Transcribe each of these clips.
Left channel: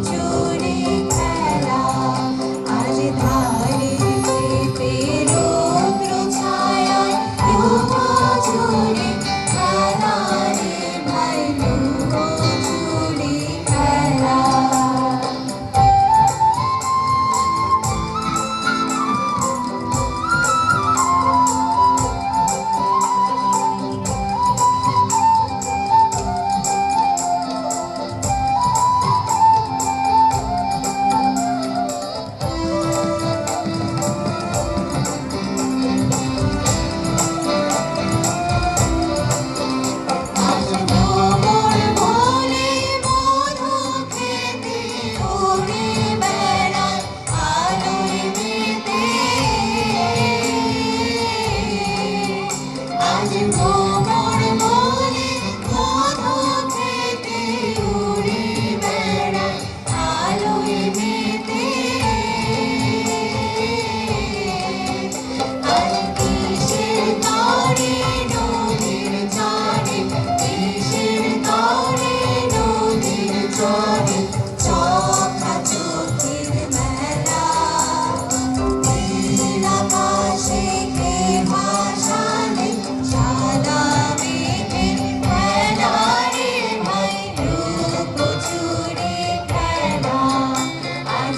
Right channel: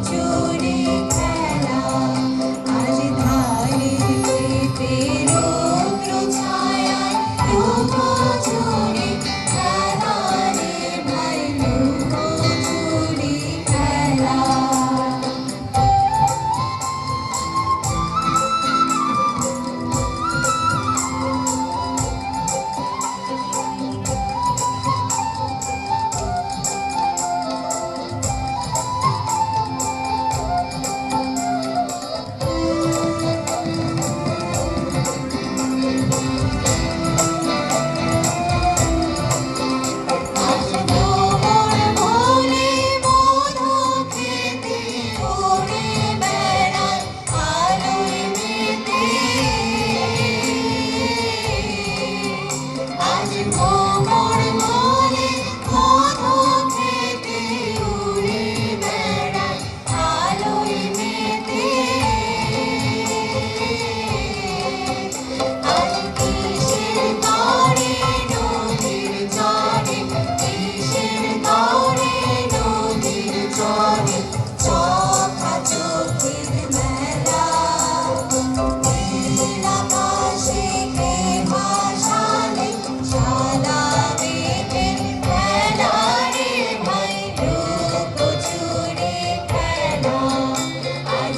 চুরি খেলা আজ ধারে পেরো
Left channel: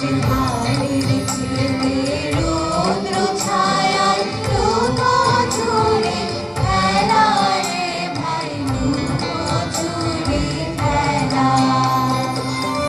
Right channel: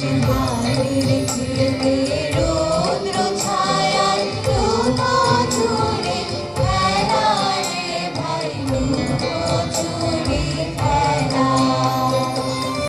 you want.